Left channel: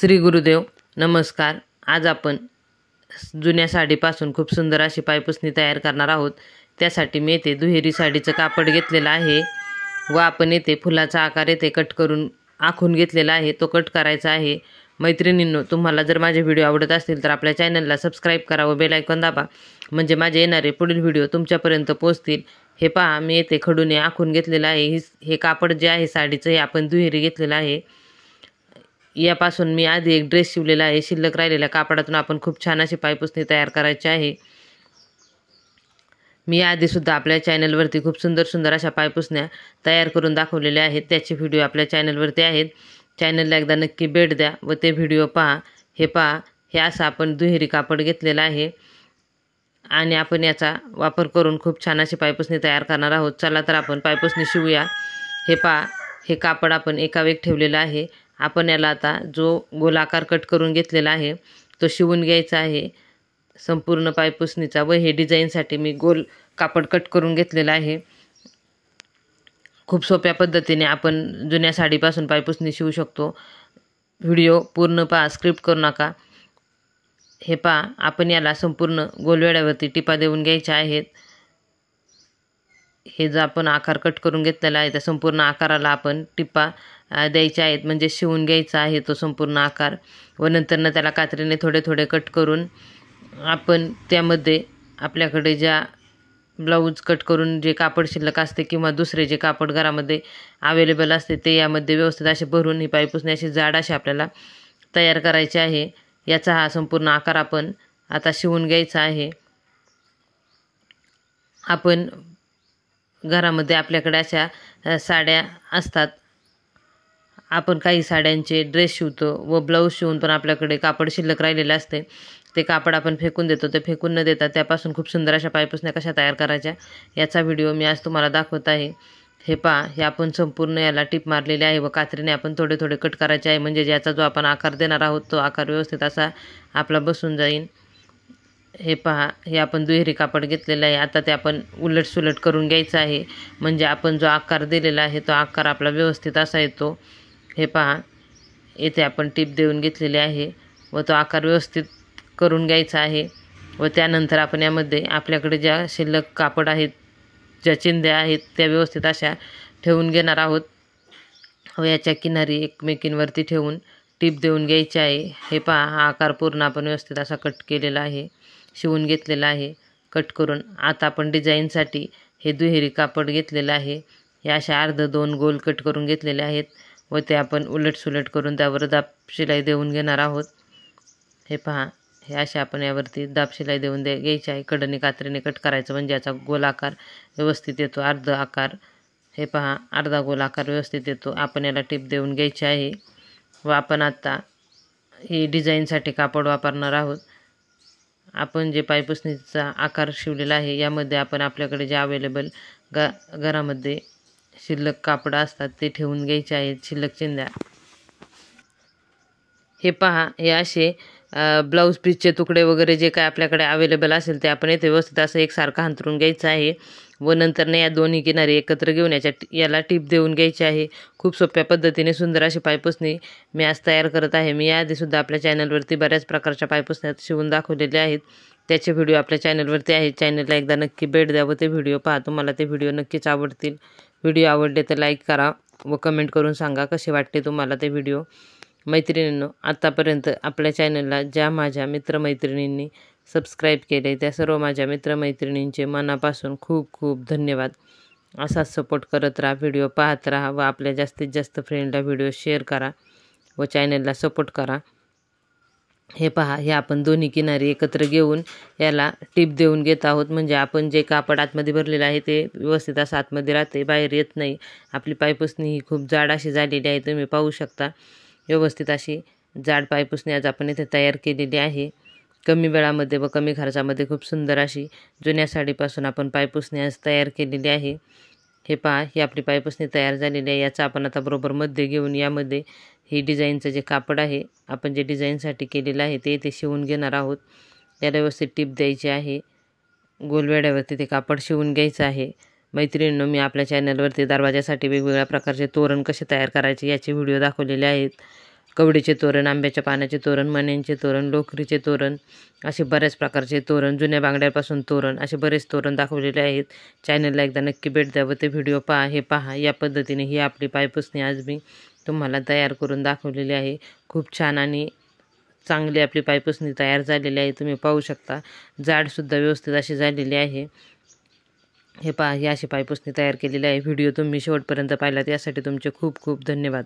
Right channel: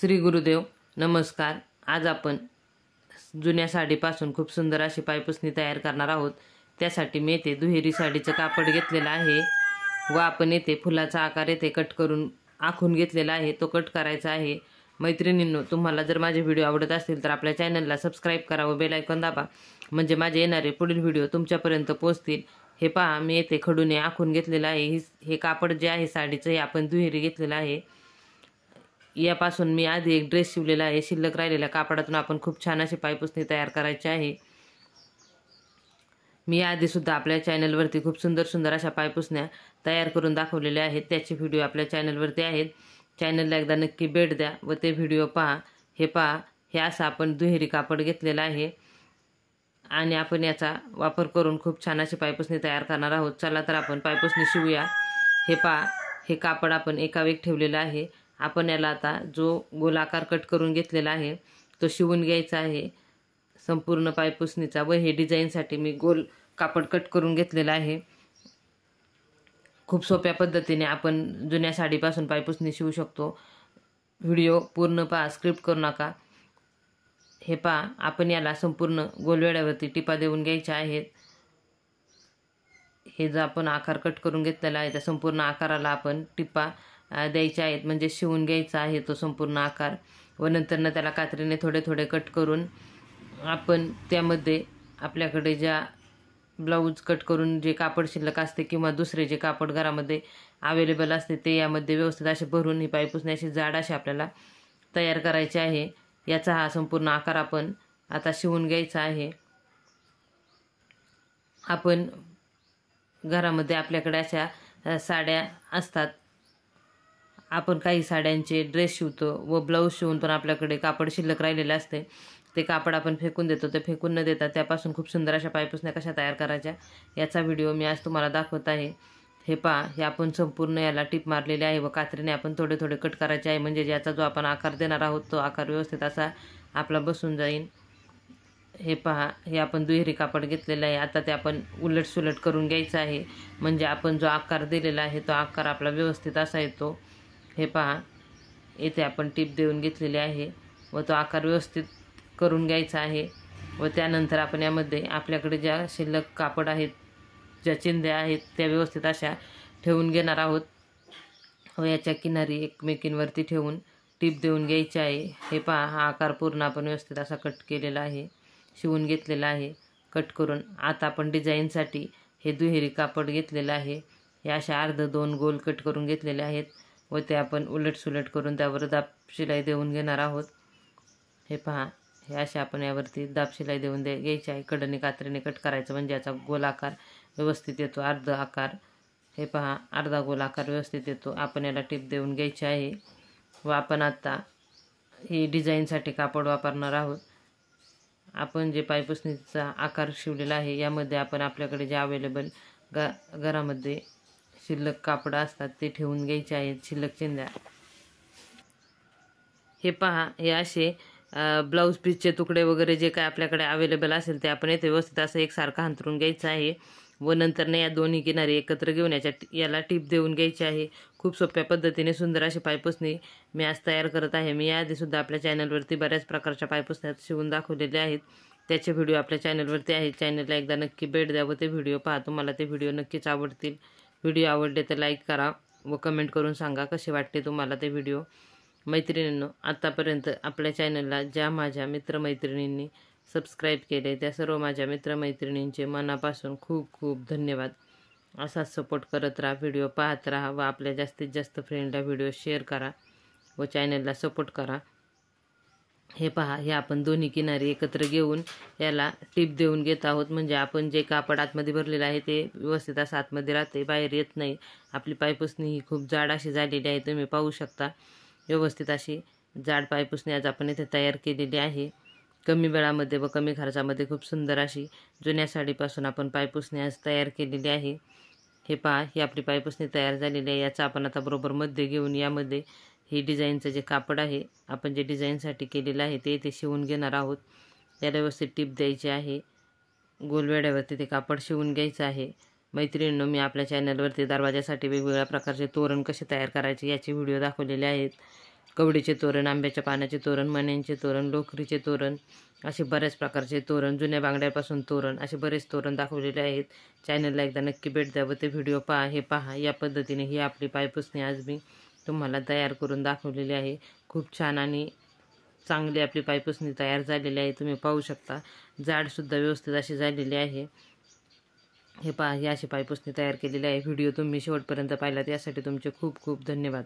श्री गुरुदेव नमस्कार। आज आपण जुन्या साडीपासून खूप सुंदर अशी पायपुसणी तयार करणार आहोत। त्यासाठी मी येथे दुहेरी साडीचं कापड घेतलेलं आहे व आपण येथे फुलाचा आकार येथे कट करून आखून घेतलेला आहे, तो कट करायचा आहे। मैत्रिणींनो, तुम्हाला जर माझे व्हिडिओ आवडत असतील तर आपल्या चॅनलला सबस्क्राईब करा व बेल आयकॉन दाबा, म्हणजे माझे येणारे पुढील व्हिडिओ तुमच्यापर्यंत पोहोचतील। हे पहा, मी येथे खडूने आखून घेतलेलं आहे। हे कापड जे आहे साडीचं, हे आपण दुहेरी घेतलेलं आहे। यापासून मी आधी एक ड्रेस शिवलेला आहे। शिल्लक राहिलेल्या कापडातून आपण खूप छान अशी पायपुसणी तयार करायची आहे। मी आधी सुद्धा आपल्या चॅनलवरती खूप सुंदर अशा पायपुसण्या तयार करून दाखवलेल्या आहेत, त्याचे व्हिडिओ आपल्या चॅनलवरती आहेत। चॅनलला एकदा नक्की भेट द्या व ते व्हिडिओ पहा। हे पहा, हे असं आपण दुहेरी कापड घेतलेलं आहे आणि आपण याचा वापर करून खूप छान अशी पायपुसणी तयार करणार आहोत। चला तर आपण पायपुसणी शिवूया। हे पहा, हे कापड आपण एका वेग ठेवलेलं आहे। आपण याला आता जो गोलाकार कट करून घेतलेला आहे तो शिवून घ्यायचा आहे संपूर्ण पायपुसणीचा। व हे डिझाईनसाठी मी गोल कापड कट करून घेतलेला आहे। खूप सोप्या पद्धतीने आपण जुन्या साडीपासून पायपुसणी शिवू शकतो। व्हिडिओ पूर्ण पहा, स्क्रिप्ट करू नका। हे पहा, आपण याला संपूर्ण गोलवेड्यावरती टिपा देऊन घ्यायच्या आहेत। हे जो आपण आकार कट करून घेतलेला आहे त्या संपूर्ण आकाराला आपण टिपा द्यायचे आहेत, म्हणजे शिवून घ्यायचा आहे तो संपूर्ण आकार। व नंतरनं त्याला कात्रीने थोडे कट करून आपण त्यामध्ये आपल्याकडे ज्या ब्लाऊज कट करून जे कापड शिल्लक असते किंवा दुसरे जे कापड घरामध्ये अवेलेबल असते ते यामध्ये व्यवस्थित असे भरून ही पायपुसणी अशी जाड अशी आपल्याला तयार करायची आहे। याचा हा संपूर्ण आकार आपण आता शिवून घ्यायचा आहे। आपण घरामध्ये आपल्याकडे अशा साड्या असतात, आपण काही साड्यांचे ड्रेस शिवतो व ब्लाऊज शिवून पण आपल्याकडे कापड शिल्लक राहिलेले असते, ते कापड आपण फेकून देतो। ते फेकून न देता त्यापासून खूप सुंदर अशा पायपुसण्या कशा तयार करायच्या याचा व्हिडिओ मी आज तुम्हाला दाखवत आहे। हे पहा, हे आपण संपूर्ण याला टिप मारलेली आहे व कात्रीने आपण थोडे कट करायचे आहे, म्हणजे याचा जो आपण आकार देणार आहोत तो आकार व्यवस्थित असा आपला बसून जाईल। हे पहा, हे आपण दुहेरी कापड घेतलेलं आहे। आता ते आपण उलट सुलट करून घ्यायचं आहे, म्हणजे आपण जो आकार दिलेला आहे तो आकार आपला व्यवस्थित असा येतो। हे पहा, येथे आपण टीप देऊन घेतलेली आहे व तो आकार व्यवस्थित करून घ्यायचा आहे। व त्यानंतर आपण यामध्ये आपल्याकडे ज्या शिल्लक कापड आहेत, ज्या चिंध्या आहेत त्या व्यवस्थित अशा ठेवून घेणार आहोत व याच्या किनारी एकमेकींवरती ठेवून टीप देऊन घ्यायची आहे। हे पहा, हा आकार पूर्ण आपण व्यवस्थित असा कट केलेला आहे, शिवून घेतलेला आहे कट करून। आता आपण डिझाईनसाठी हे दुहेरी कापड घेतलेलं आहे, हे अशा अर्ध दोन गोल कट करून घेतलेले आहेत व ते आपण उलट सुलट करून त्यावर दाब शिलाई देऊन घेणार आहोत। हे पहा, हे असे आपण यावरती दाब शिलाई देऊन घ्यायची आहे। कडनी कात्रीने कट करायचं, म्हणजे याचा गोल आकार व्यवस्थित येतो, अर्ध आकार। हे पहा, अर्धा गोल आकार व्यवस्थित येतो। आपण याला टिप देऊन घ्यायची आहे व आपण आता ही डिझाईनसाठी कापड वापरणार आहोत। आपण जे पायपुसणीचा आकार शिवलेला आहे यामध्ये आपण आपल्याकडे जे अवेलेबल घरामध्ये शिल्लक कापड असतात ते ठेवून घ्यायचे आहेत, शिल्लक चिंध्या। हे पहा, हे असे ब्लाऊज पीसचे तुकडे वगैरे जे काय आपल्याकडे अवेलेबल असेल ते आपण येथे व्यवस्थित असं एकसारखं अंथरून घ्यायचं आहे व नंतर या दोन्ही किनारी एकत्र घेऊन याला टीप देऊन घ्यायची आहे। खूप सोप्या पद्धतीने सुंदर अशी पायपुसणी मी आज तयार करत आहे। मी याआधीसुद्धा आपल्या चॅनलवरती बऱ्याच प्रकारच्या पायपुसण्या शिवून दाखवलेल्या आहेत, त्याचे व्हिडिओ आपल्या चॅनलवरती आहेत। चॅनलला एकदा नक्की भेट द्या व ते व्हिडिओ पहा, तुम्हाला ते व्हिडिओ नक्कीच आवडतील। व्हिडिओ आवडले तर लाईक करा व कमेंट करून सांगा कसे वाटते तुम्हाला ते व्हिडिओ। मैत्रिणींनो, आत्तापर्यंत आपल्या चॅनलला ज्या माझ्या मित्रमैत्रिणींनी सबस्क्राईब केले त्या सर्व माझ्या मित्रमैत्रिणींचे मनापासून खूप धन्यवाद। असाच सपोर्ट करत राहा, व्हिडिओ पाहत राहा व आपल्या जास्तीत जास्त फ्रेंडला व्हिडिओ शेअर करा व चॅनलला सपोर्ट करा। हे पहा, हे आपण दोन्ही किनारी एकत्र घेऊन याला टीप देऊन घेत आहोत, म्हणजे आपण जे कापड आतमध्ये भरलेलं आहे ते व्यवस्थित असं आतमध्ये राहते, बाहेर येत नाही। आपली पायपुसणी ही खूप जाड अशी झालेली आहे, तुम्ही पाहू शकता। व्यवस्थित अशी जाड पायपुसणी आज आपण इथे तयार केलेली आहे। कमी वेळामध्ये व कमी खर्चामध्ये खूप सुंदर अशी जुन्या साडीपासून आपण पायपुसणी आज तयार केलेली आहे। हे पहा, ही आपली पायपुसणी तयार झालेली आहे। याचा आपण आता बरोबर मध्ये घेऊन यामध्ये ही डिझाईनचं जे कापड आहे आपण जे डिझाईनसाठी केलेलं आहे ते इथे शिवून घेणार आहोत। याला व्यवस्थित टीप द्यायची आहे, गोलवेड्यावरती ते कापड शिवून घ्यायचं आहे। मैत्रिणींनो, मी आपल्या चॅनलवरती दरवाजासाठी वेगवेगळ्या प्रकारचे तोरण कसे तयार करायचे याचे व्हिडिओ दाखवलेले आहेत। कवडीचे तोरण, आंब्याच्या पानाचे तोरण, मण्यांचे तोरण, लोकरीचे तोरण, असे बऱ्याच प्रकारचे तोरण, जुन्या बांगड्यापासून तोरण, असे बरेच तोरण दाखवलेले आहेत. चॅनलला एकदा नक्की भेट द्या व ते व्हिडिओ पहा. हे पहा, या पद्धतीने ही आपली पायपुसणी आज मी तुम्हाला तयार करून दाखवलेली आहे. खूप छान आणि चांगली आपली पायपुसणी तयार झालेली आहे. तुम्ही पाहू शकता, जाडसुद्धा व्यवस्थित अशी झालेली आहे. हे पहा, ही अशी पायपुसणी तयार केलेली आहे. व्हिडिओ तुम्ही शेवटपर्यंत पाहिलात यासाठी तुमचे खूप खूप धन्यवाद.